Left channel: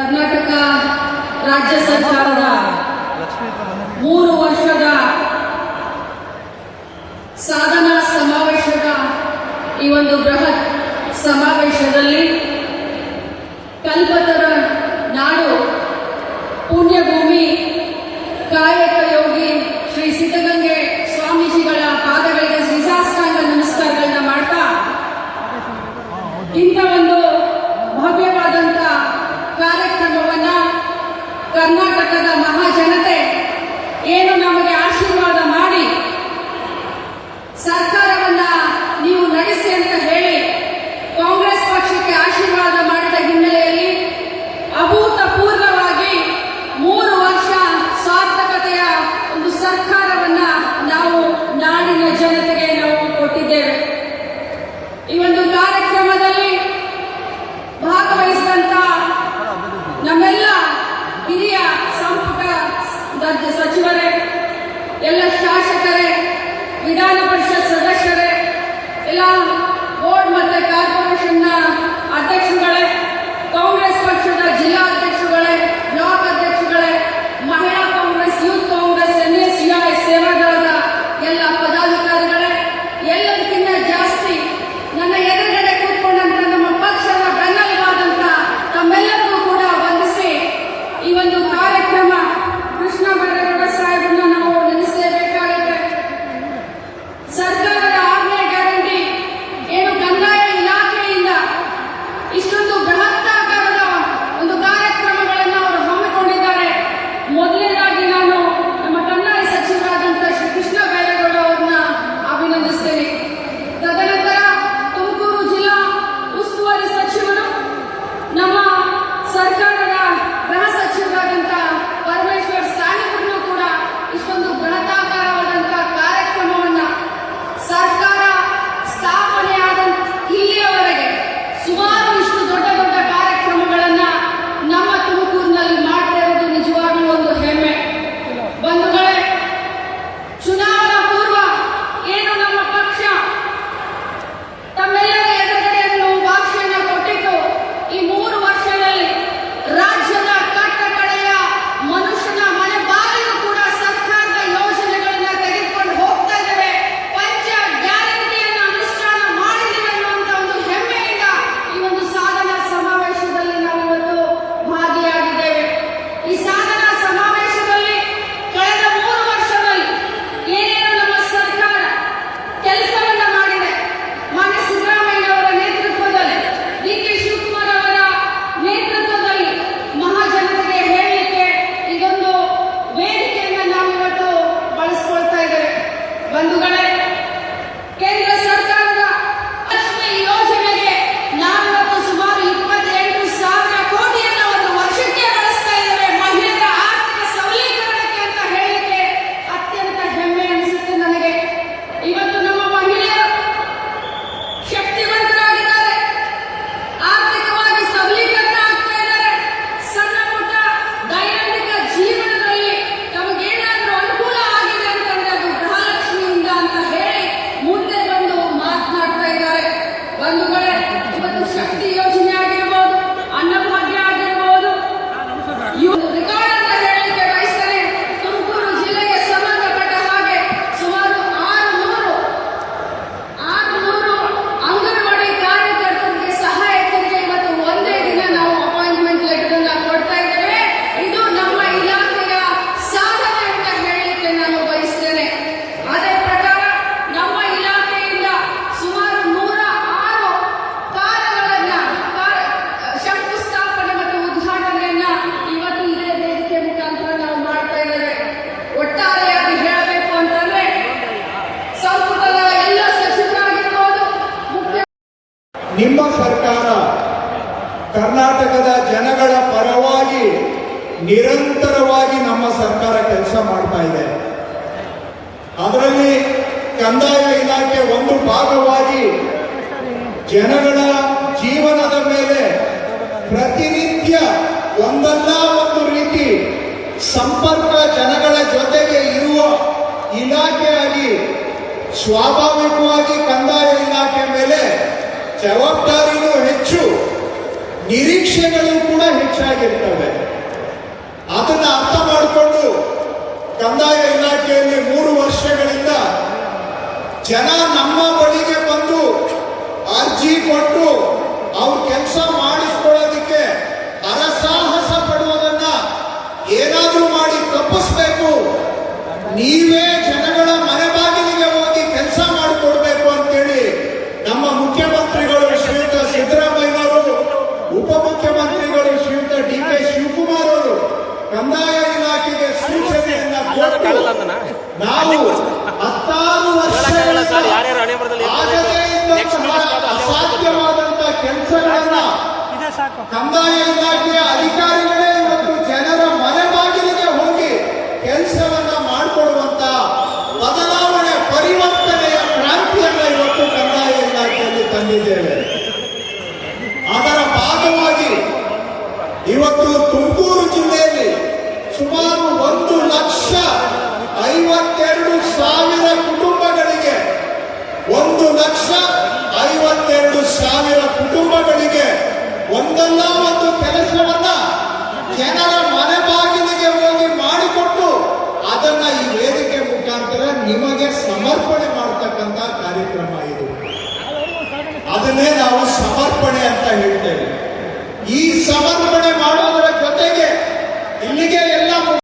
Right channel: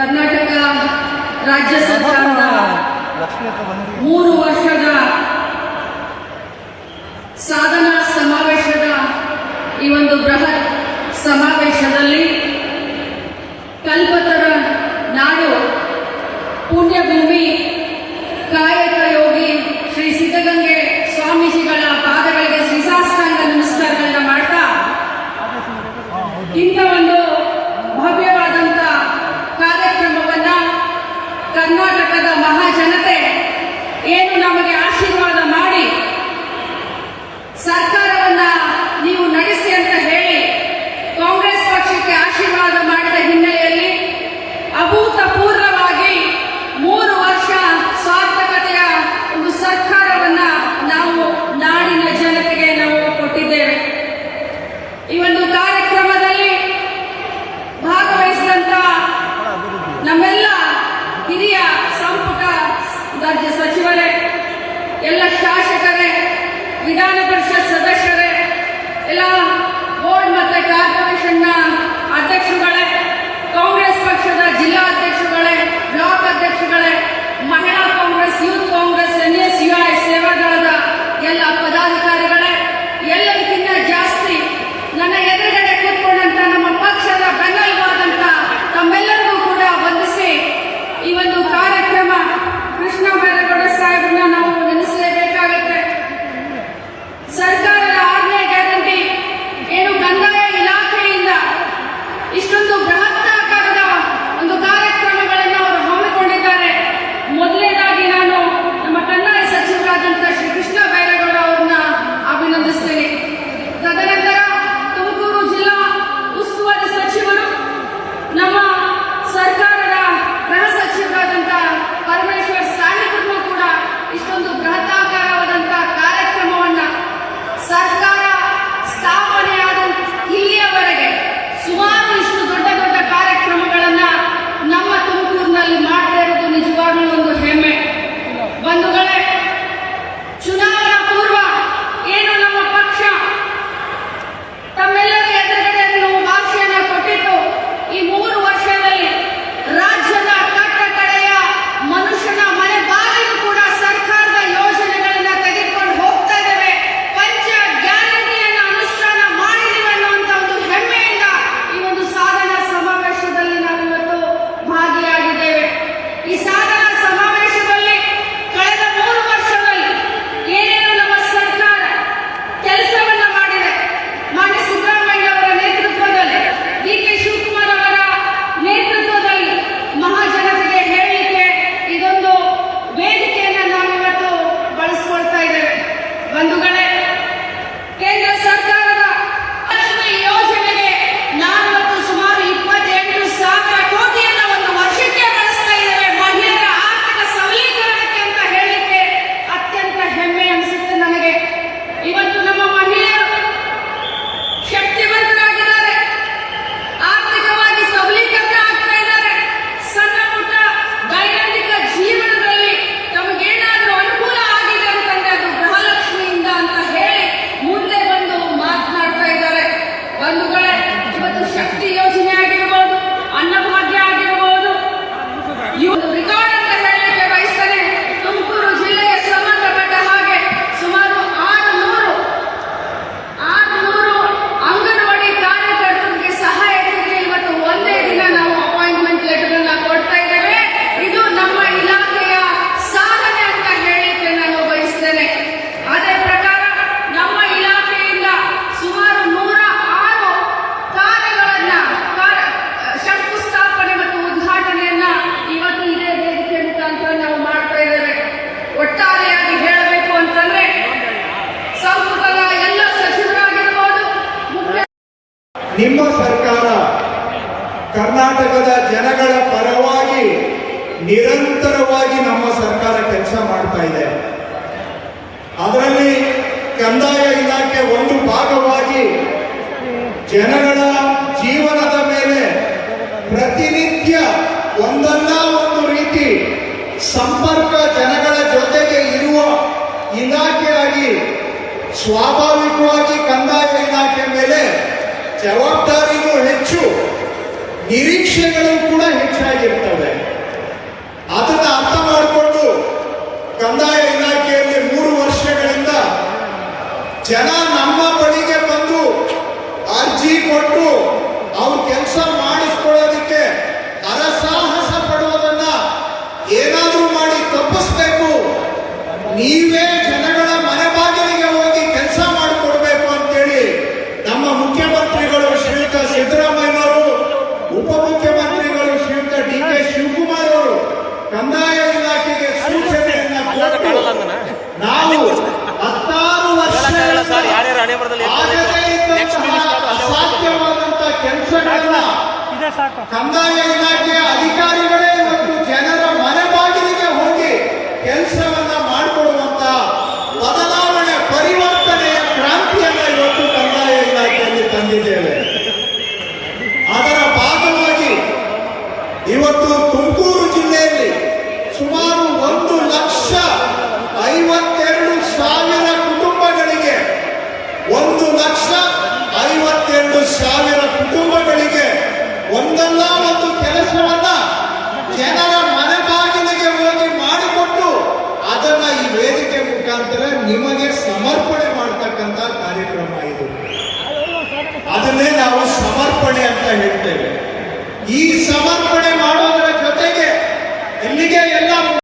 ಕರ್ನಾಟಕ ರಾಜ್ಯ ಸರ್ಕಾರದ 3 ವರ್ಷದ ಸಾಧನಾ ಸಮಾವೇಶದ ಈ ಒಂದು ಬೃಹತ್ ಸಮಾವೇಶದಲ್ಲಿ ಕಲ್ಪತರ ನಾಡು ಪುಣ್ಯಭೂಮಿ ಕಾಯಕ ಯೋಗಿ ಶ್ರೀ ಸಿದ್ಧಗಂಗೆ ಸ್ವಾಮೀಜಿಗಳ ಪಾದಗಳಿಗೆ ಶ್ರೀಸಾಷ್ಟಾಂಗ ನಮಸ್ಕಾರಗಳನ್ನ ಮಾಡ್ತಾ ಇಂಥ ಒಂದು ಭವ್ಯವಾದಂತ ಕಾರ್ಯಕ್ರಮವನ್ನ ಕರ್ನಾಟಕದ ಮಹಾಜನತೆ ಏನು ನಮಗೆ ಆಶೀರ್ವಾದ ಮಾಡಿ ಸರ್ಕಾರವನ್ನ ನೀವು ನಡೆಸಿ ಅಂತ ಹೇಳಿ ಕಾಂಗ್ರೆಸ್ ಪಕ್ಷಕ್ಕೆ ಆಶೀರ್ವಾದ ಮಾಡಿದ ಹಿನ್ನೆಲೆಯಲ್ಲಿ ಅಭೂತಪೂರ್ವವಾಗಿ 3 ವರ್ಷ ಸಾರ್ಥಕತೆಯ ಒಂದು ಸರ್ಕಾರವನ್ನ ನಾವು ನಾಡಿನ ಜನತೆಗೆ ನಾವು ಕೊಟ್ಟಿದ್ದೇವೆ. ಈ ಒಂದು ಕಾರ್ಯಕ್ರಮದಲ್ಲಿ ಭಾಗವಹಿಸಿದಂತ ನಮ್ಮೆಲ್ಲ ಹಿರಿಯ ಸಂಪುಟ ಸಚಿವರೇ, ಎಲ್ಲ ಶಾಸಕರೇ, ವಿಧಾನ ಪರಿಷತ್ ಸದಸ್ಯರೇ, ಎಲ್ಲ ಬೋರ್ಡ್ ಮತ್ತೆ ಕಾರ್ಪೊರೇಷನ್ನ ಅಧ್ಯಕ್ಷರುಗಳೇ, ಕಾಂಗ್ರೆಸ್ ಪಕ್ಷದ ಜಿಲ್ಲಾ ಅಧ್ಯಕ್ಷರುಗಳೇ, ಬ್ಲಾಕ್ ಅಧ್ಯಕ್ಷರುಗಳೇ, ಮಹಿಳಾ ಕಾಂಗ್ರೆಸ್, ಯೂತ್ ಕಾಂಗ್ರೆಸ್, NSUI ಸೇವಾದಳದ ಎಲ್ಲ ಪದಾಧಿಕಾರಿಗಳೇ, ಎಲ್ಲದಕ್ಕಿಂತ ಜಾಸ್ತಿ ನನ್ನ ಎದುರುಗಡೆ ಕೂತ್ಕೊಂಡಂತ ನಮ್ಮ ಪಕ್ಷದ ಬೆನ್ನೆಲುಬಾದಂತ ತಮ್ಮೆಲ್ಲರಿಗೂ ಕೂಡ ವಂದಿಸಿ ಈ ಒಂದು ಕಾರ್ಯಕ್ರಮ ಕೃಷ್ಣ ಬೈರೇಗೌಡ ಸಾಹೇಬರನ್ನ ನಾವು ನೆನೆಸಲೇಬೇಕಾಗುತ್ತೆ. ಸರ್ಕಾರದ ಆಜ್ಞೆ ಗ್ಯಾರಂಟಿ ಏನು ಕಂದಾಯ ಇಲಾಖೆಯಿಂದ ಇಷ್ಟೊಂದು ಬೃಹತ್ತಾಕಾರದ ಒಂದು ಕಾರ್ಯಕ್ರಮಗಳನ್ನು ಅವರು ಹಮ್ಮಿಕೊಂಡಿದ್ದಾರೆ. ಮೊದಲನೇದಾಗಿ ನಾನು ನಮ್ಮ ಕಂದಾಯ ಸಚಿವರಾದಂಥ ಶ್ರೀ ಕೃಷ್ಣ ಬೈರೇಗೌಡ ಅವರನ್ನ ಅಭಿನಂದಿಸ್ತೇನೆ. ತದನಂತರ ತುಮಕೂರು ಜಿಲ್ಲಾ ಉಸ್ತುವಾರಿ ಸಚಿವರು, ನಮ್ಮ ಸರ್ಕಾರದ ಗೃಹ ಸಚಿವರಾದಂಥ ಪರಮೇಶ್ವರ್ ಸಾಹೇಬರನ್ನು ಕೂಡ ಇಷ್ಟೊಂದು ಬೃಹತ್ತಾಕಾರವಾದಂಥ ಕಾರ್ಯಕ್ರಮವನ್ನ ಸರ್ಕಾರ ಸ್ಥಾಪನೆಯಾದ ಇಲ್ಲಿಯವರೆಗೆ ಸುಮಾರು ಇಷ್ಟು ದೊಡ್ಡ ದೊಡ್ಡ ಕಾರ್ಯಕ್ರಮಗಳನ್ನ ನಮ್ಮ ತುಮಕೂರಿನಲ್ಲಿ ಮಾಡ್ತಾ ಇರೋದು ನಿಜವಾಗ್ಲೂ ಒಂದು ಹೆಮ್ಮೆ. ಬಂಧುಗಳೇ, ಚುನಾವಣಾ ಪೂರ್ವ ಏನು ನಮ್ಮ ಪಕ್ಷ ತಮ್ಮೆಲ್ಲರ ಎದುರುಗಡೆ ಭಾಷೆಯನ್ನ ಕೊಟ್ಟಿದ್ದು, ಈ 3 ವರ್ಷದಲ್ಲಿ ರಾಜ್ಯದ ಕಟ್ಟಕಡೆಯ ಮನುಷ್ಯನ ಮನೆ ಬಾಗಿಲು ಕೂಡ ಸರ್ಕಾರದ ಯೋಜನೆಗಳನ್ನ ತೆಗೆದುಕೊಂಡು ಹೋಗ್ತಾ ಇದ್ದೇವೆ. ಪಂಚ ಗ್ಯಾರಂಟಿಯನ್ನು ಅನುಷ್ಠಾನ ಮಾಡಿದ್ದೇವೆ ಅನ್ನುವಂತ ಒಂದು ಹೆಮ್ಮೆಯಿಂದ ಈ ಒಂದು ಸಾಧನಾ ಸಮಾವೇಶದಲ್ಲಿ ನಾವು ಇವತ್ತು ಭಾಗಿಯಾಗಿದ್ದೇವೆ. ಈ ಸಾಧನಾ ಸಮಾವೇಶದಲ್ಲಿ ಕಳೆದ 3 ವರ್ಷದಲ್ಲಿ ಏನೇನು ನಮ್ಮ ಸರ್ಕಾರ ಕೆಲಸವನ್ನ ಮಾಡಿದೆ, ಮಾನ್ಯ ಸಿದ್ದರಾಮಯ್ಯ ಅವರ ನೇತೃತ್ವದಲ್ಲಿ, DK ಶಿವಕುಮಾರ್ ಅವರ ನೇತೃತ್ವದಲ್ಲಿ ಮಹಾಜನತೆಗೆ ಹೇಳಲಿಕ್ಕೆ ಇದೊಂದು ವೇದಿಕೆಯನ್ನ ನಾವು ಇವತ್ತು ಬಳಸಿಕೊಳ್ತಾ ಇದ್ದೇವೆ. ಬಂಧುಗಳೇ, ಕೇಂದ್ರ ಸರ್ಕಾರದ ಲಕ್ಷ್ಮಿ ಯೋಜನೆಗೆ ನಾವು ಇವತ್ತು ಸುಮಾರು 28,000 ಕೋಟಿಯನ್ನ ಒಂದು ವರ್ಷಕ್ಕೆ ಬಳಸ್ತಾ ಇದ್ದೇವೆ. ಮಹಿಳೆಯರ ಆರ್ಥಿಕ ಸಬಲೀಕರಣಕ್ಕೆ ಅಂತ ಹೇಳಲಿಕ್ಕೆ ಅತ್ಯಂತ ಹೆಮ್ಮೆ ಅನಿಸುತ್ತೆ ನನಗೆ. ಇವತ್ತು ನಮ್ಮ ಮಹಿಳೆಯರು ಶಕ್ತಿವಂತರಾಗಿದ್ದಾರೆ, ಆರ್ಥಿಕವಾಗಿ ಸಬಲೀಕರಣ ಆಗ್ತಾ ಇದ್ದಾರೆ. ಸಣ್ಣ ಪುಟ್ಟ ದೈನಂದಿನ ಜೀವನದಲ್ಲಿ ತಮಗೇನಾದ್ರೂ ಅನುಕೂಲ ಆಗಿದೆ ಅಂತಂದ್ರೆ ಅದು ಗೃಹಲಕ್ಷ್ಮಿಯಿಂದ ಅಂತ ಹೇಳಿ ಮುಂದೆ ಬಂದು ಮಾತನಾಡ್ತಾ ಇದ್ದಾರೆ. ಬಂಧುಗಳೇ, ಇವತ್ತು ಶಕ್ತಿ ಯೋಜನೆ ಆಗಿರಬಹುದು, ಅನ್ನಭಾಗ್ಯ ಆಗಿರಬಹುದು, ಇವು ರೆಕಾರ್ಡ್ ಅಂತ ಹೇಳಲಿಕ್ಕೆ ಬಯಸ್ತೇನೆ. ತುಮಕೂರು ಜಿಲ್ಲೆಗೆ ಸಂಬಂಧಪಟ್ಟ ಹಾಗೆ ಸುಮಾರು 600 ಅಂಗನವಾಡಿ ಕಾರ್ಯಕರ್ತರಿಗೆ ಸಹಾಯಕರಿಗೆ ಇವತ್ತು ಒಂದೇ ದಿನ ನಾವು ಅಪಾಯಿಂಟ್ಮೆಂಟ್ ಲೆಟರ್ ಅನ್ನ ಕೊಡ್ತಾ ಇದ್ದೇವೆ. ಇದು ನಮ್ಮ ಇಲಾಖೆಯ ಸಾಧನೆ ಅಂತ ಹೇಳಲಿಕ್ಕೆ ನಾನು ಬಯಸ್ತೇನೆ. ಅದೇ ಪ್ರಕಾರ ನಮ್ಮ ಇಲಾಖೆಯಿಂದ ಸುಮಾರು 106 ಕಾರ್ಯಗಳನ್ನ ಶಂಕುಸ್ಥಾಪನೆ ಮತ್ತು ಉದ್ಘಾಟನೆಯನ್ನ ಇವತ್ತು ಇದೇ ವೇದಿಕೆ ಮುಖಾಂತರ ನಾವು ಮಾಡ್ತಾ ಇದ್ದೇವೆ. ಒಟ್ಟಾರೆಯಾಗಿ ಹೇಳಬೇಕು ಅಂತಂದ್ರೆ ಸಂಪುಟದ ಎಲ್ಲ ಸಚಿವರಾಗಿರ್ಬೋದು, ಮುಖ್ಯ ನಿಮ್ಮ ಸರ್ಕಾರ ಕರ್ನಾಟಕದ ಜನಗಳ ಪರವಾಗಿ ನಿರಂತರವಾಗಿ ನಮ್ಮ ಸರ್ಕಾರ ಕೆಲಸ ಮಾಡ್ತಾ ಇದೆ. ಅದರಲ್ಲಿ ಕಂದಾಯ ಇಲಾಖೆ ಒಂದು ಭಾಗವಾಗಿ ಜನಗಳ ಜೀವನದ ಮೇಲೆ ಪ್ರತಿನಿತ್ಯ ಒಂದಲ್ಲ ಒಂದು ರೀತಿ ಸಂಪರ್ಕ ಜನಗಳ ಜೊತೆಗೆ ಇರುವ ಇಲಾಖೆಯಾಗಿ ಸ್ವಾಭಾವಿಕವಾಗಿ ಕಂದಾಯ ಇಲಾಖೆ ಮೇಲೆ ಜವಾಬ್ದಾರಿಯೂ ಹೆಚ್ಚು, ನಿರೀಕ್ಷೆಗಳು ಕೂಡ ಹೆಚ್ಚಾಗಿರ್ತವೆ. ಕಂದಾಯ ಇಲಾಖೆಯ ಅಧಿಕಾರಿಗಳೇ ಇವತ್ತು ಜನರ ಮನೆ ಬಾಗಿಲಿಗೆ ಹೋಗಿ ಕೆಲಸವನ್ನ ಮಾಡಿಕೊಡುವಂತ ಬದಲಾವಣೆ ಪರಿವರ್ತನೆಯ ಕ್ರಾಂತಿಯನ್ನ ಇವತ್ತು ಕಂದಾಯ ಇಲಾಖೆಯಲ್ಲಿ ತಂದಿದ್ದೇವೆ. ಅದರ ಭಾಗವಾಗಿ ಇವತ್ತು ತುಮಕೂರು ಜಿಲ್ಲೆಯಲ್ಲಿ ಸುಮಾರು 1,52,000 ಕುಟುಂಬಗಳಿಗೆ 1,52,000 ಕುಟುಂಬಗಳಿಗೆ ಒಂದಲ್ಲ ಒಂದು ಕೆಲಸವನ್ನ ಜನರ ಮನೆ ಬಾಗಿಲಿಗೆ ಹೋಗಿ ಮಾಡಿಕೊಟ್ಟು ಅದನ್ನ ಈ ವೇದಿಕೆ ಮುಖಾಂತರ ನಿಮಗೆ ಸಮರ್ಪಣೆ ಮಾಡತಕ್ಕಂತ ಕಾರ್ಯಕ್ರಮ ಇದು. ಅದನ್ನೇ ನಾವು ಸಮರ್ಪಣೆ ಅಂತ ಹೇಳ್ತೇವೆ. ಈ ಸಮರ್ಪಣೆ